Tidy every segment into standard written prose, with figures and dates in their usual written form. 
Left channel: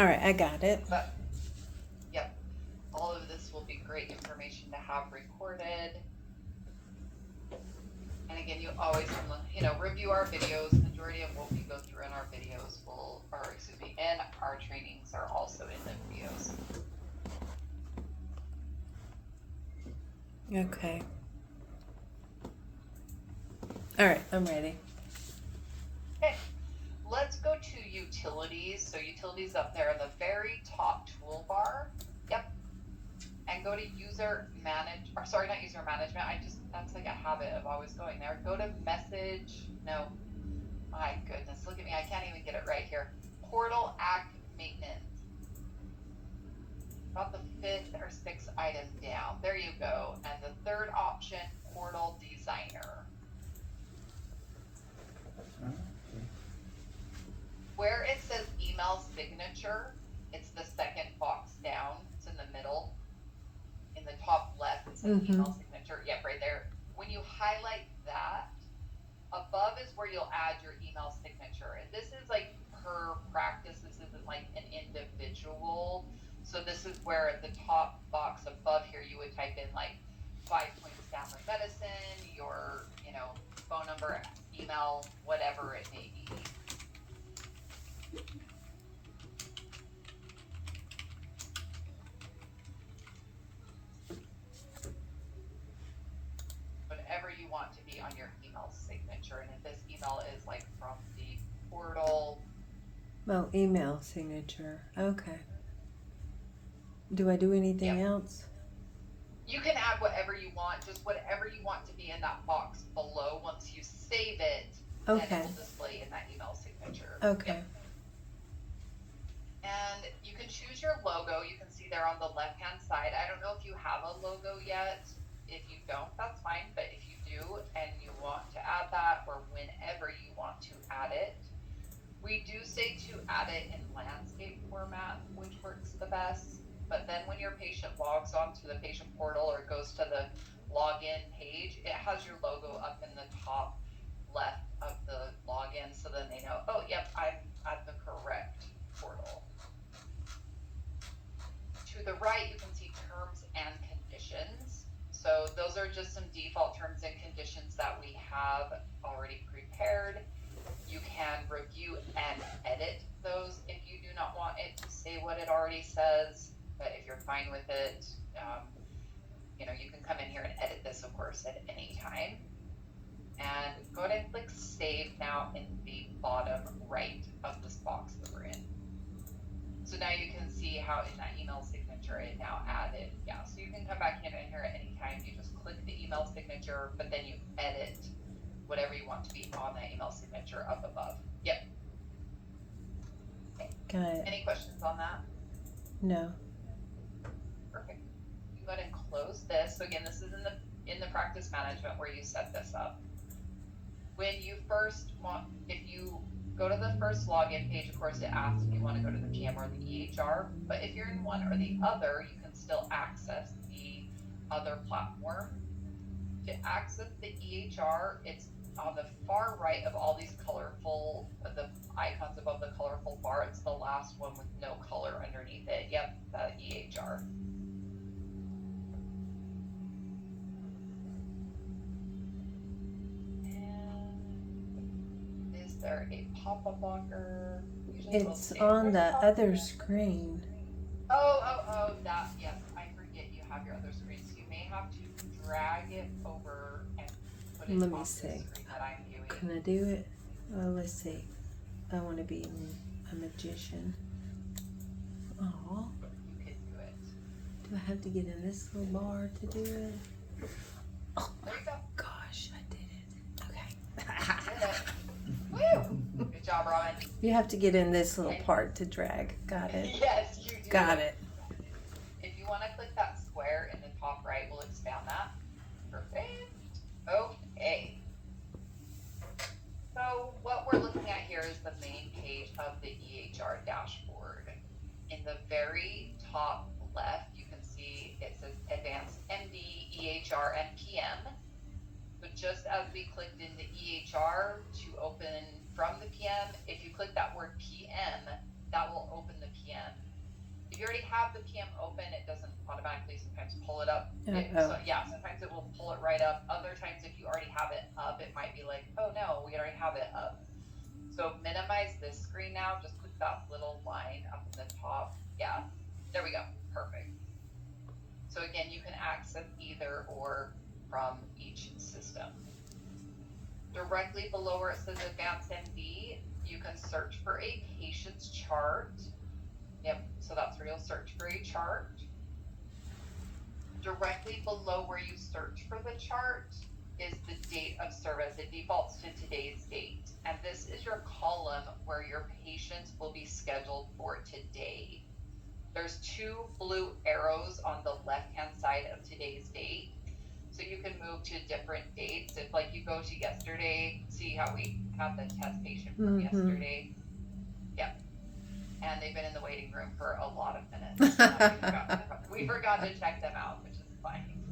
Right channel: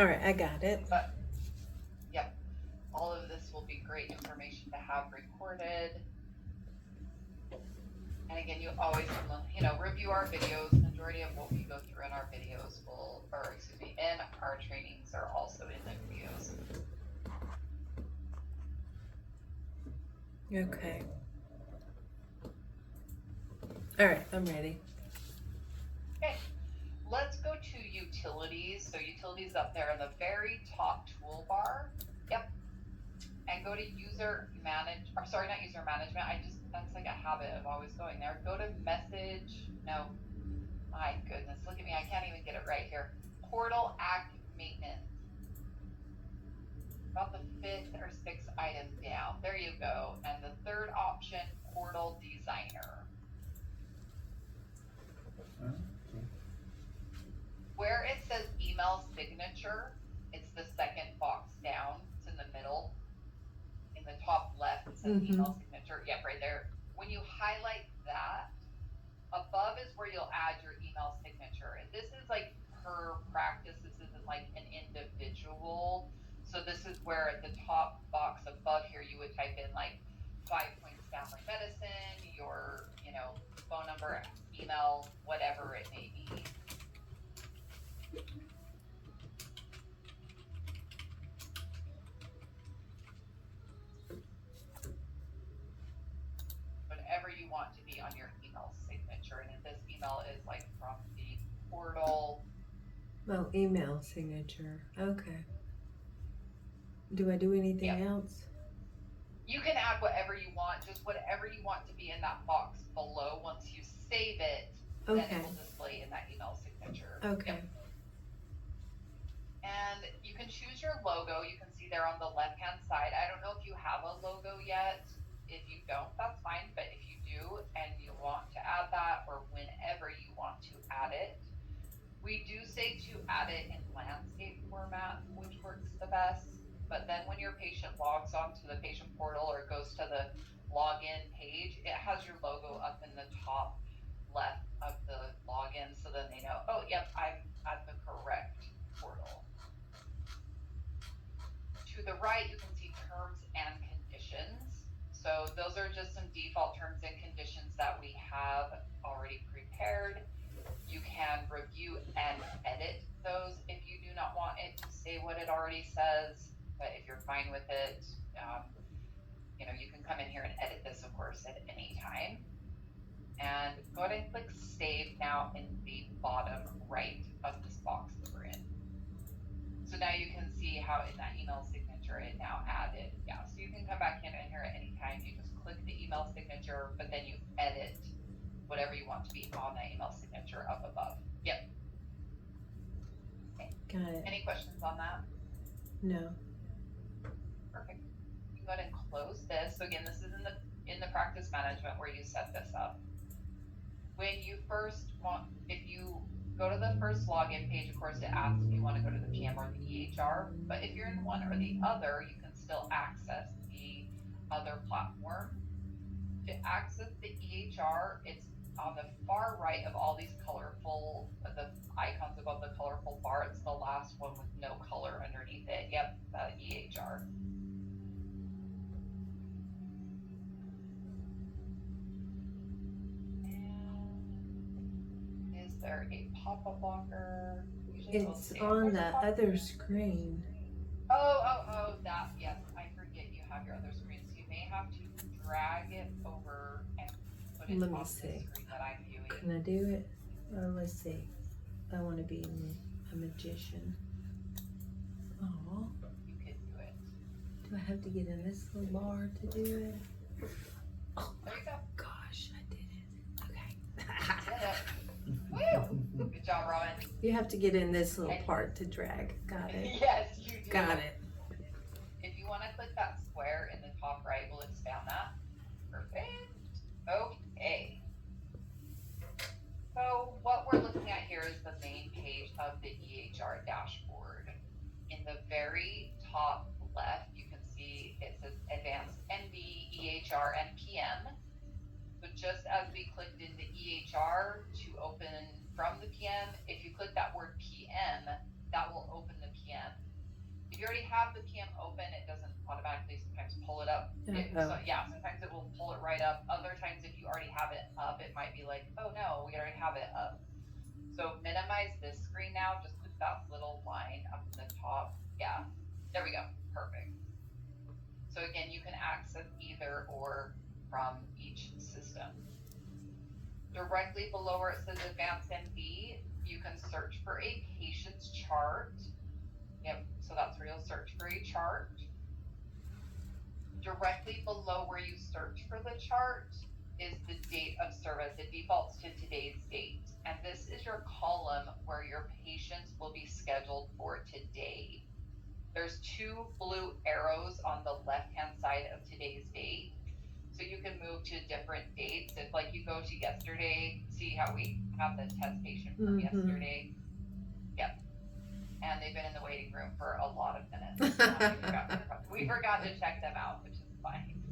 All right, I got it. But yep, all of this will be great information to have recorded. And again, you always want to, review our videos. Majority of what we go through in our videos or excuse me, in our trainings are also in the videos. Okay. All right, I'm ready. Okay, let's go to utilities. So utilities up there in the very top toolbar. Yep. And go to user manage, or sorry, not user management. That's like a habit of always going there. Go to message. No, my goodness, look at me. I can't even get it right here. Portal act maintenance. About the fifth or sixth item down. There you go. And the third option, portal designer. Where it says email signature, it's the second box down. It's in the middle. In the top left, it says email signature. Yep, right there. When you highlight that, above is where you'll add your email signature. And this is like per practice. This isn't like an individual. So this is where at the top box above here, you would type in like 5 Points Family Medicine, your, phone number, email, whatever it may be. Whatever you want to be on your email signature. And this email is like from the portal. Oh, email signature. Okay. Do I do anything else? You can add whatever you want, just whatever you want to be in that box below. Once you save it, then it will display in that email signature. Okay. Yep. And you can choose your logo. You can see there on the left-hand side. I don't know if you have a logo yet. If you don't, that's fine. But if you do and you want to add that, or whenever you want to add it, we do say to add it in landscape format, which works the best. But then when your patient logs onto the patient portal or goes to the login page, it has your logo up in the top left of the login. So then they know, oh, yep, I'm at the correct portal. To the right, you can see terms and conditions. So those are just some default terms and conditions that we have already prepared. You can review and edit those if you do not want it to say what it already says. But if you're fine with it, you can come in here and edit this, of course, at any time. And go ahead and click Save now in the bottom right of this box that we're in. So now you can see how in that email signature it now added. Yeah, so you can come back in here at any time. You just click the email signature, but then you edit whatever you want to be on that email signature up above. Yep. Okay. Got it. Any questions on that? No. Perfect. You go ahead and close this. So again, this is in the practice management where you set this up. When you first if you go to the first login page, of course, it asks if you want to go to the PM or the EHR. But if you're in one or the other, you can still access the other platform. To access the EHR, it's on the far right of all these the icons above the colorful bar. It's the last one with no color underneath it. Yep, the EHR. And is there a pop-up blocker? It's on the other screen. Oh, that, yes, I forget you have your other screen. So you may have to drag it over and put it Let me on see. the screen that I'm viewing. Can I do it? Oh, let's see. I want to be a magician. Oh. You can do it. Do I have to get in this little bar to do it? Oh, there you go. Gosh, I did it. Okay. Woo! Good job, Robin. You have to get in this little part to drag. Got it. Yes, you do. Got it. If you want to click that square in the top right, we'll expand that. Perfect. Okay. So what we're looking at here is the main page of the EHR dashboard. In the very top left, you can see it says Advanced MD, EHR, and PM. So just as we clicked in the EHR to open from the PM, if you click that word PM, that will open the PM. you already have the PM open, it doesn't automatically sometimes pull it up. Uh-oh. Sometimes it will pull it right up. Other times, if you already have it up, it might be like, oh no, we already have it up. So minimize this screen now. Just click that little line up in the top. Yeah, there we go. Perfect. So again, you can access either or from each system. Directly below where it says Advanced MD, you can search for a patient's chart. Yep, so that's where you'll search for a chart. Directly below where you search for the chart is the date of service. It defaults to today's date. And this is your column where your patients will be scheduled for today. There's 2 blue arrows on the left-hand side of today's date. So you can move to different dates. If like you go to yesterday, see how we have the test patient from yesterday. Yep. And they've been in the waiting room for a lot of minutes. We forgot to check them out, which is fine.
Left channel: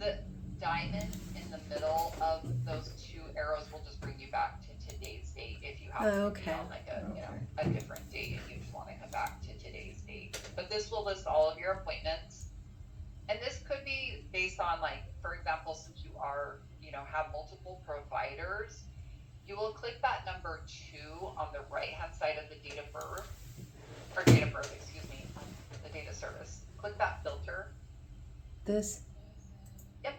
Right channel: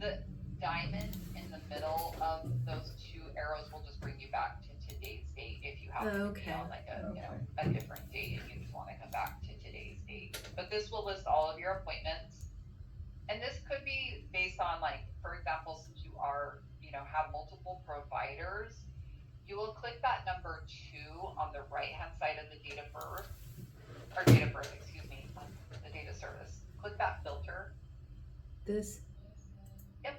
The diamond in the middle of those 2 arrows will just bring you back to today's date if you happen to be on like a different date and you just want to come back to today's date. But this will list all of your appointments. And this could be based on like, for example, since you are, have multiple providers, you will click that number 2 on the right-hand side of the date of birth, the date of service. Click that filter. This? Yep.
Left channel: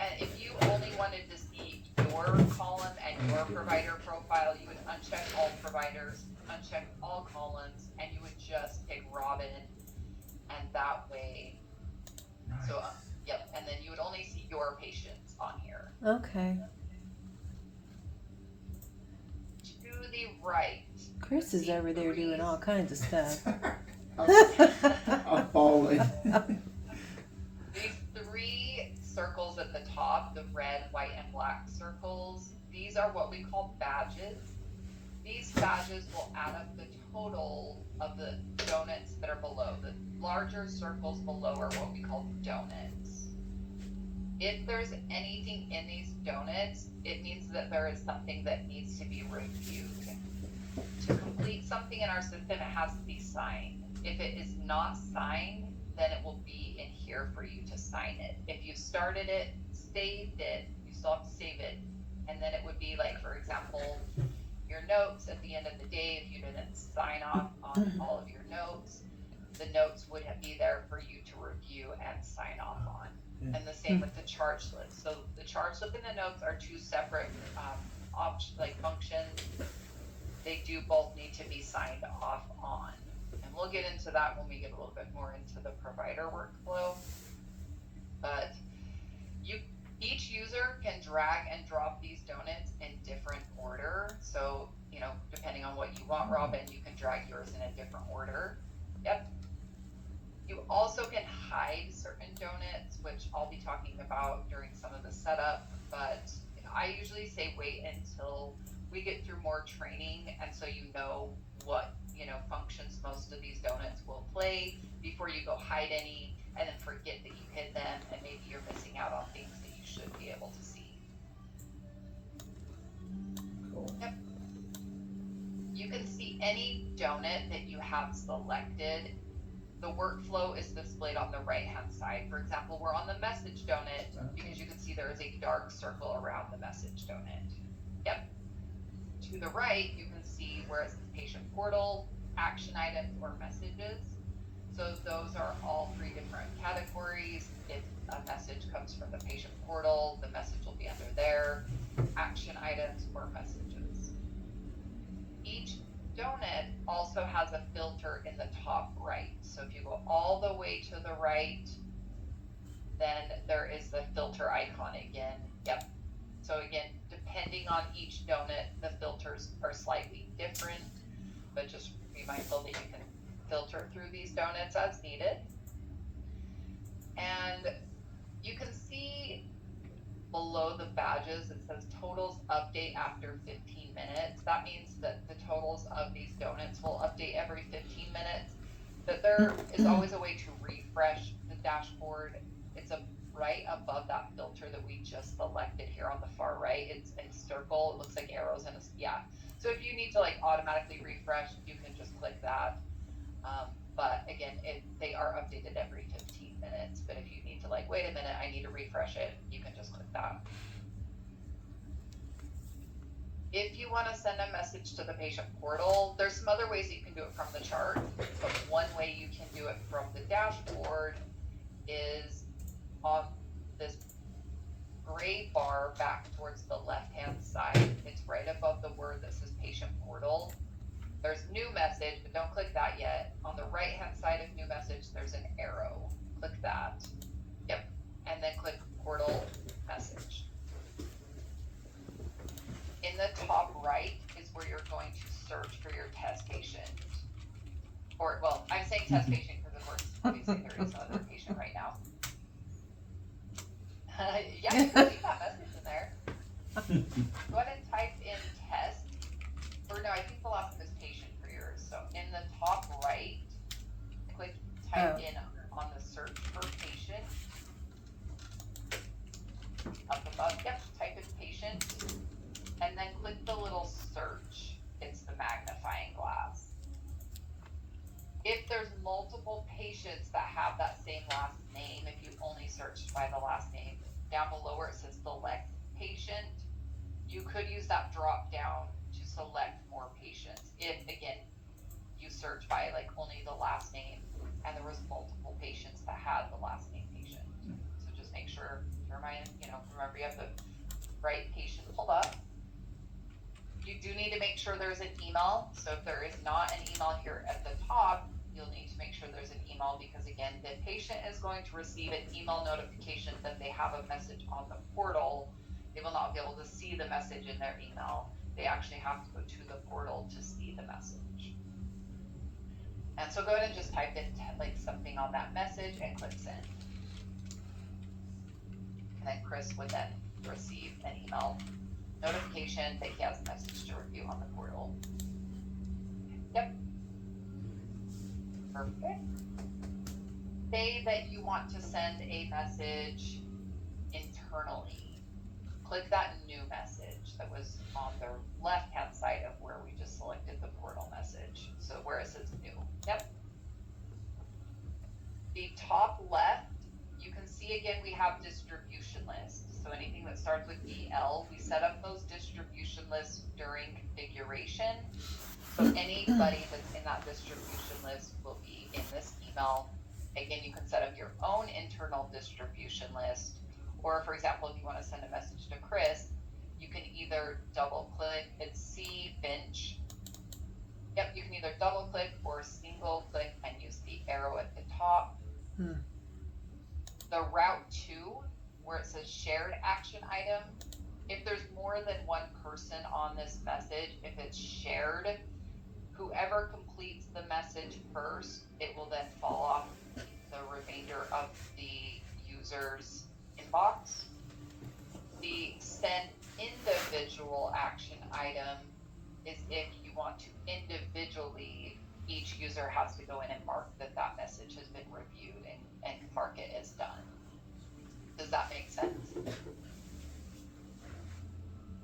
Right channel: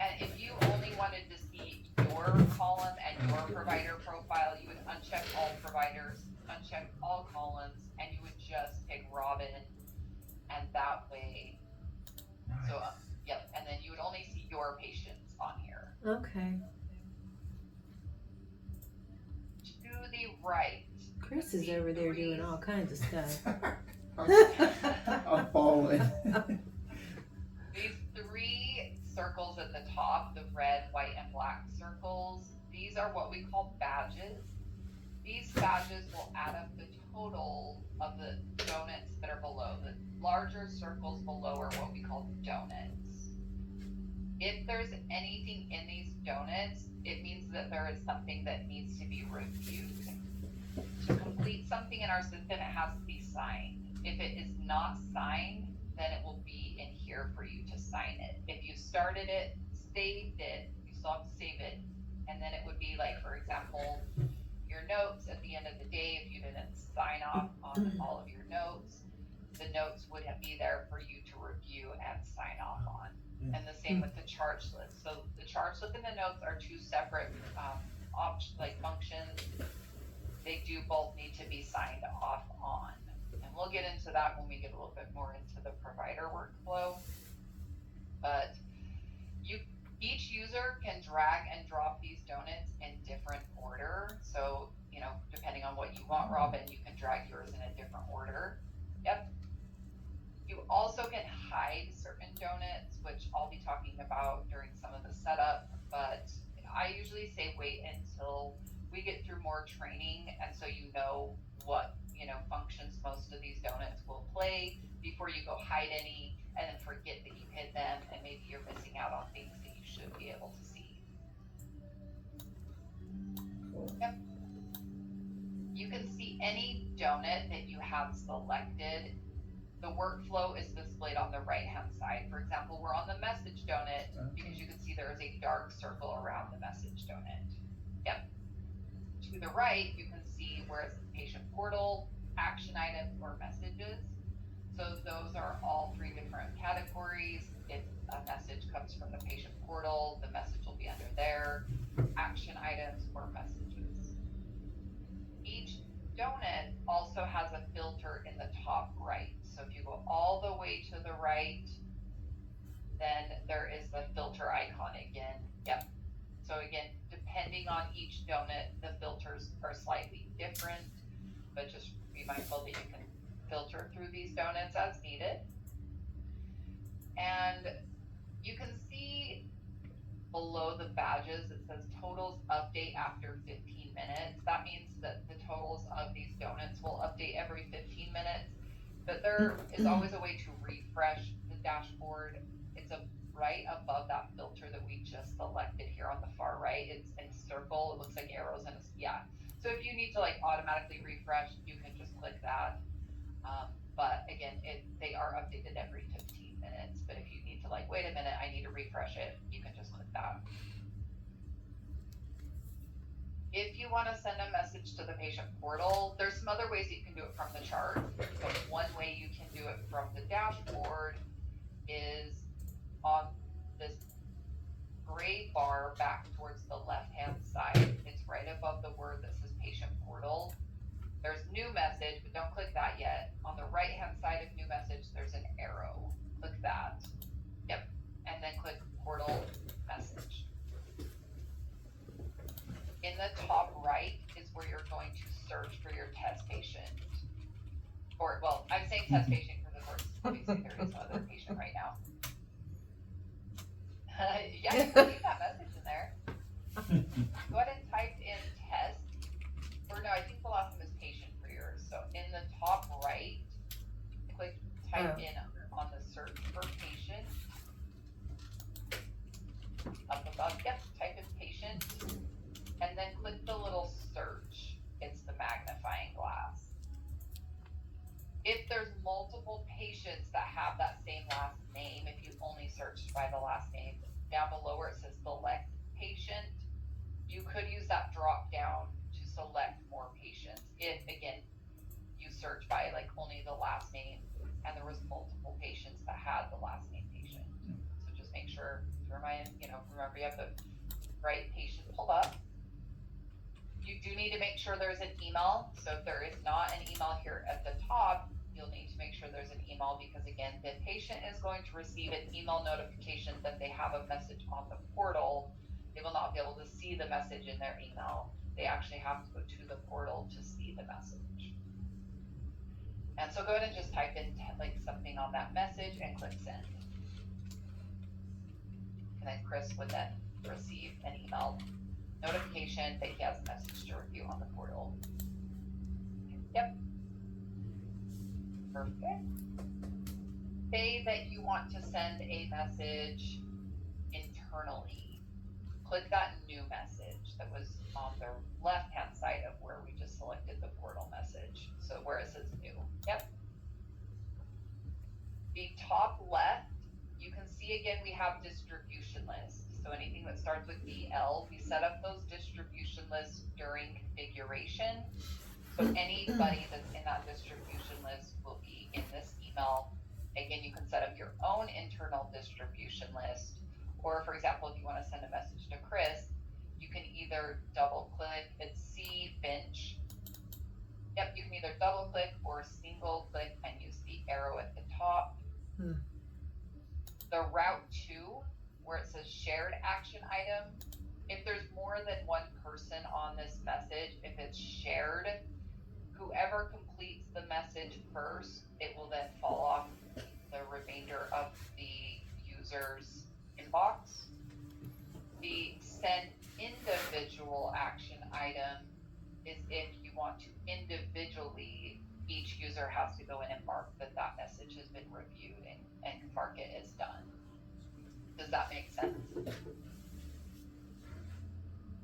And if you only wanted to see your column and your provider profile, you would uncheck all providers, uncheck all columns, and you would just pick Robin, and that way, so, yep, and then you would only see your patients on here. Okay. To the right. Chris is over there doing all kinds of stuff. I'm falling. These 3 circles at the top, the red, white, and black circles, these are what we call badges. These badges will add up the total of the donuts that are below. The larger circles below are what we call donuts. If there's anything in these donuts, it means that there is something that needs to be reviewed. To complete something in our system, it has to be signed. If it is not signed, then it will be in here for you to sign it. If you started it, saved it, you still have to save it. And then it would be like, for example, your notes at the end of the day, if you didn't sign off on all of your notes, the notes would be there for you to review and sign off on. And the same with the charge list. So the charge list and the notes are 2 separate functions. They do both need to be signed off on. And we'll get into that when we get a little bit more into the provider workflow. But each user can drag and drop these donuts in different order. So, depending on what you want, Robin, you can drag yours in a different order. Yep. You also can hide certain donuts, which I'll be talking about during some of the setup, but I usually say wait until we get through more training, and so what functions most of these donuts will play before you go hide any and then forget that you hid them, and maybe you're missing out on things that you should be able to see. Cool. Yep. You can see any donut that you have selected. The workflow is displayed on the right-hand side. For example, we're on the message donut because you can see there is a dark circle around the message donut. Yep. To the right, you can see where it says patient portal, action items, or messages. So those are all 3 different categories. If a message comes from the patient portal, the message will be under there, action items, or messages. Each donut also has a filter in the top right. So if you go all the way to the right, then there is the filter icon again. Yep. So again, depending on each donut, the filters are slightly different, but just be mindful that you can filter through these donuts as needed. And you can see below the badges, it says totals update after 15 minutes. That means that the totals of these donuts will update every 15 minutes, but there is always a way to refresh the dashboard. It's right above that filter that we just selected here on the far right. It's a circle, it looks like arrows, and so if you need to automatically refresh, you can just click that. they are updated every 15 minutes, but if you need to like, wait a minute, I need to refresh it, you can just click that. If you want to send a message to the patient portal, there's some other ways that you can do it from the chart, but one way you can do it from the dashboard is on this gray bar back towards the left-hand side. It's right above the word that says patient portal. There's new message, but don't click that yet. On the right-hand side of new message, there's an arrow. Click that. Yep. And then click portal message. In the top right is where you're going to search for your test patient. Or, well, I'm saying test patient because of course, obviously there is another patient right now. Yeah, you can leave that message in there. Go ahead and type in test. Or no, I think the last one is patient for yours. So in the top right, type in on the search for patient. Up above, yep, type in patient. And then click the little search. It's the magnifying glass. If there's multiple patients that have that same last name, if you only searched by the last name, down below where it says select patient, you could use that drop down to select more patients. If, again, you search by like only the last name and there was multiple patients that had the last name patient. So just make sure to remember you have the right patient pulled up. You do need to make sure there's an email. So if there is not an email here at the top, you'll need to make sure there's an email because again, the patient is going to receive an email notification that they have a message on the portal. They will not be able to see the message in their email. They actually have to go to the portal to see the message. And so go ahead and just type in like something on that message and click send. And then Chris would then receive an email notification that he has a message to review on the portal. Yep. Perfect. Say that you want to send a message internally. Click that new message that was on the left-hand side of where we just selected the portal message. So where it says new. Yep. The top left, you can see again we have distribution lists. So anything that starts with EL, we set up those distribution lists during configuration. So anybody that's in that distribution list will be in this email. Again, you can set up your own internal distribution list. Or for example, if you want to send a message to Chris, you can either double click, it's C Finch. Yep, you can either double click or single click and use the arrow at the top. The route to, where it says shared action item, if there's more than one person on this message, if it's shared, whoever completes the message first, it will then fall off the remainder of the user's inbox. The send individual action item is if you want to individually, each user has to go in and mark that that message has been reviewed and mark it as done. Does that make sense?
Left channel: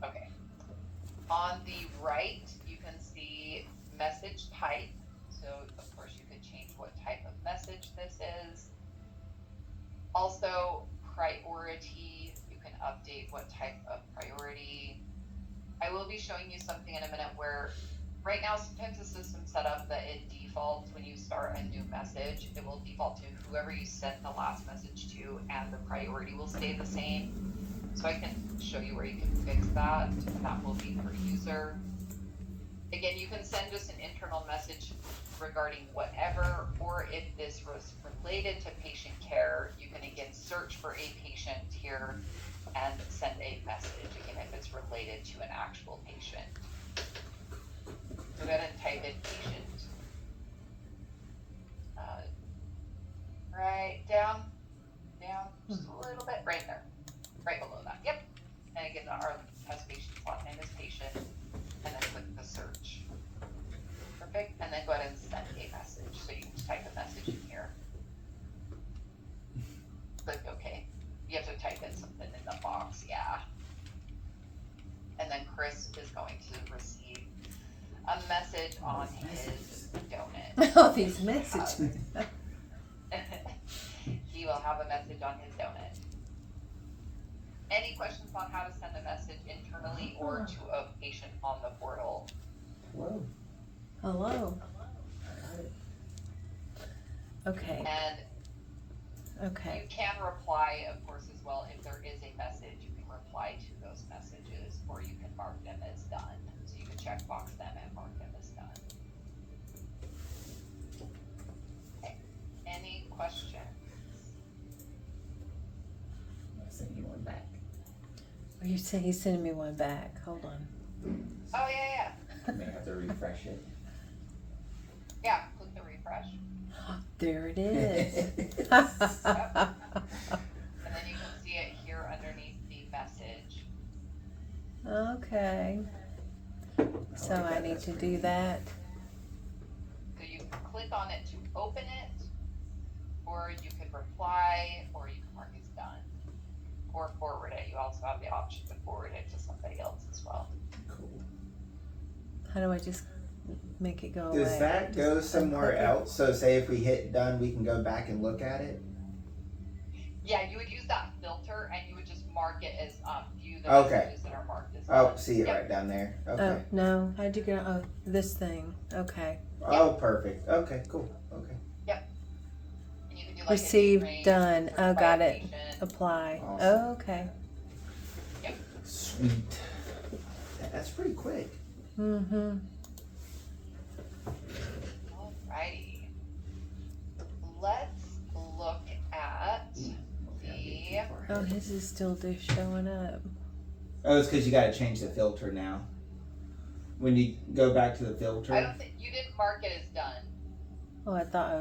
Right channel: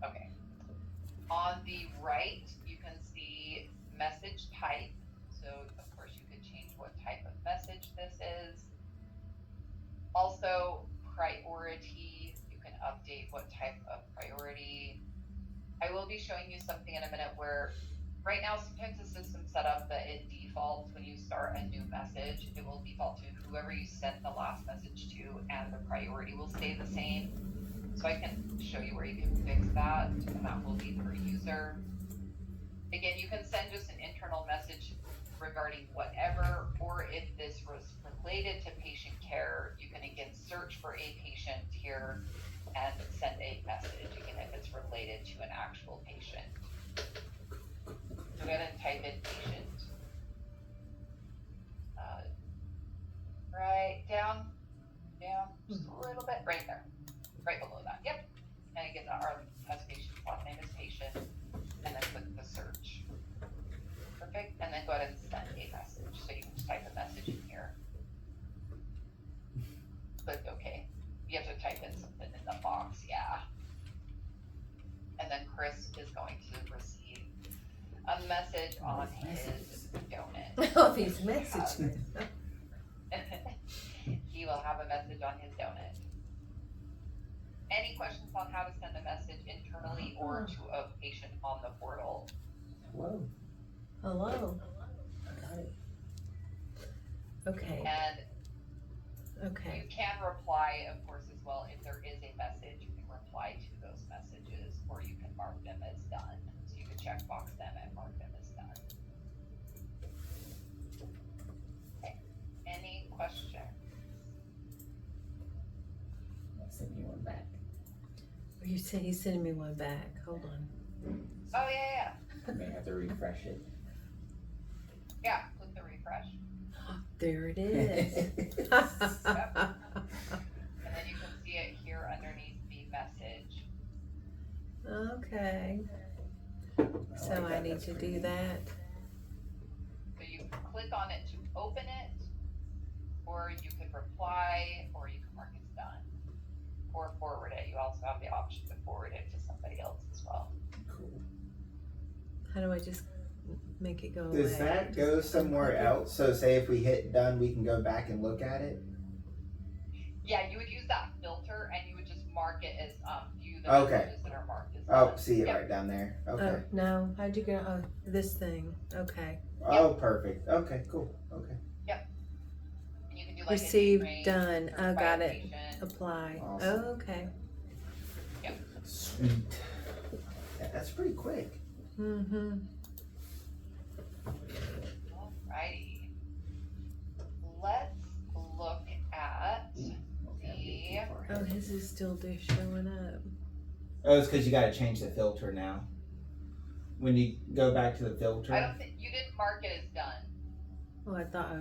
Okay. On the right, you can see message type. So of course you could change what type of message this is. Also priority, you can update what type of priority. I will be showing you something in a minute where right now sometimes the system's set up that it defaults when you start a new message, it will default to whoever you sent the last message to and the priority will stay the same. So I can show you where you can fix that, and that will be per user. Again, you can send just an internal message regarding whatever, or if this was related to patient care, you can again search for a patient here and send a message, again, if it's related to an actual patient. Go ahead and type in patient. Right down, just a little bit, right there, right below that, yep. And again, our test patient's last name is patient, and then click the search. Perfect, and then go ahead and send a message. So you can type a message in here. Click OK. You have to type in something in the box, yeah. And then Chris is going to receive a message on his donut. Oh, these messages. message on his donut. Any questions on how to send a message internally or to a patient on the portal? Hello. Hello. Got it. Okay. And Okay. you can reply, of course, as well. If there is a message, you can reply to those messages, or you can mark them as done. So you can check box them and mark them as done. Okay. Any questions? I'll send you one back. Oh, you said he's sending me one back. Hold on. Oh, yeah. I may have to refresh it. Yeah, click the refresh. There it is. And then you can see it here underneath the message. Okay. So like I that. need That's to pretty do neat. that. So you can click on it to open it, or you can reply, or you can mark it's done. Or forward it. You also have the option to forward it to somebody else as well. Cool. How do I just make it go away? Does that Just go somewhere unclick it? else? So say if we hit done, we can go back and look at it? Yeah, you would use that filter and you would just mark it as view the Okay. messages that are marked as Oh, done. see it Yep. right down there. Okay. Oh, no. How'd you get, oh, this thing. Okay. Oh, perfect. Okay, cool. Okay. And you can do like Received, a date range, done. Oh, certify got a it. patient. Apply. Awesome. Oh, okay. Sweet. That's pretty quick. Mm-hmm. Alrighty. Let's look at Oh, his is still just showing up. Oh, it's because you got to change the filter now. When you go back to the I filter. don't think you didn't mark it as done, Oh, I thought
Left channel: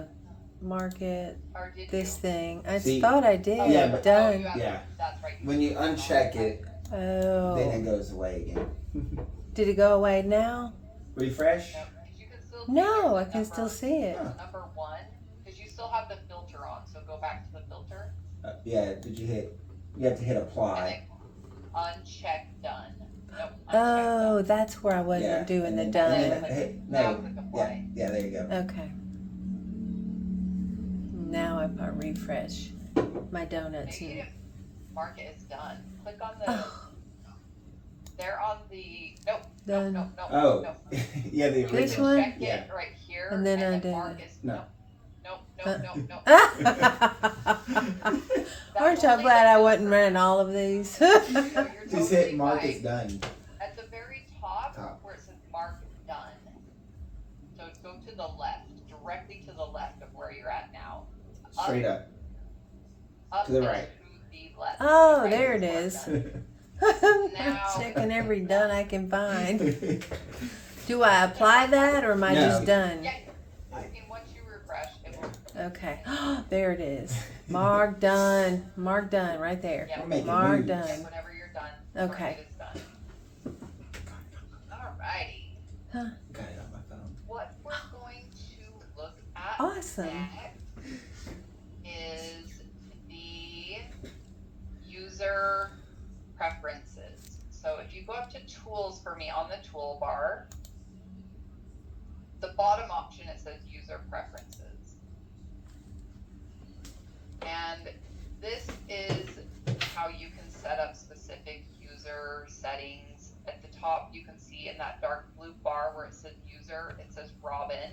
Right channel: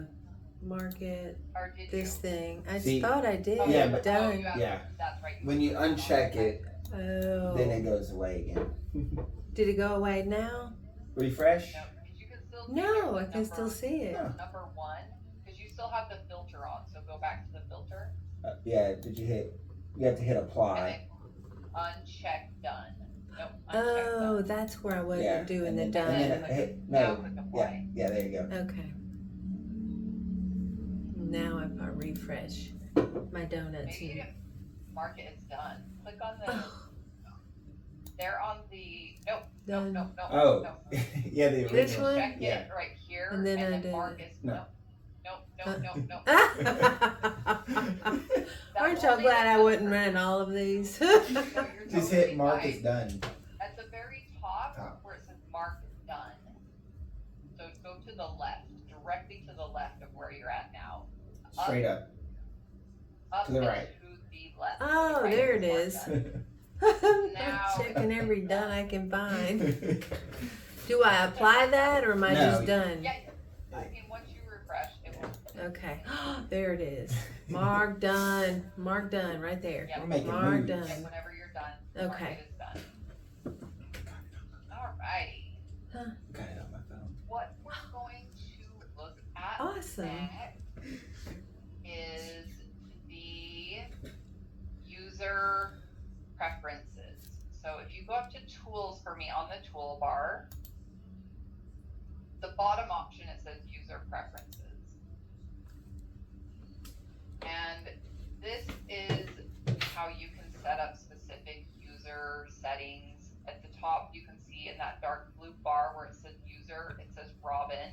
mark it, or did this you? thing. I See, thought I did. yeah, but- Oh, Done. you have, Yeah. That's right. When you uncheck it, Oh. then it goes away again. Did it go away now? Refresh. No, 'cause you can still see No, there's I a can still number- see it. Huh. Number one, because you still have the filter on, so go back to the filter Yeah. Did you hit? You have to hit and apply. then uncheck done. Nope, uncheck Oh, done. that's where I wasn't Yeah, doing and the then- done. and then- Click- hey, now no. click Yeah. apply. Yeah. There you go. Okay. Now if I refresh my donuts. Maybe you didn't mark it as done. Click on the, Oh, they're on the, nope, done. nope, nope, Oh. nope. Yeah. The Which original. one? Check Yeah. it right here, And then I did mark it. as, No. nope, Uh. nope, nope, nope. That's Aren't y'all only glad the I wasn't filter. running all of these? No, you're Just totally hit mark fine. is done. At the very top, Top. where it says mark done. So go to the left, directly to the left of where you're at now. Straight up. Up To the and right. To the left. Oh, To the right there it mark is. done. I'm Now- checking every done I can find. Do I apply that or am I No. just done? Yeah, I mean, once you refresh, it will. Okay. There it is. Mark done. Mark done right there. Yeah. We're making Mark moves. Yeah, done. whenever you're done. Okay. Mark it is done. Alrighty. Got it on my phone. What we're going to look at Awesome. next is the user preferences. So if you go up to tools for me on the toolbar, the bottom option, it says user preferences. And this is how you can set up specific user settings. At the top, you can see in that dark blue bar where it says user, it says Robin.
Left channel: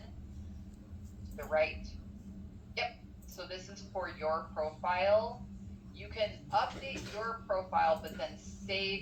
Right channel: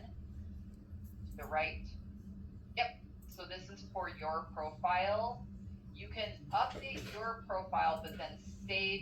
To the right. Yep. So this is for your profile. You can update your profile, but then save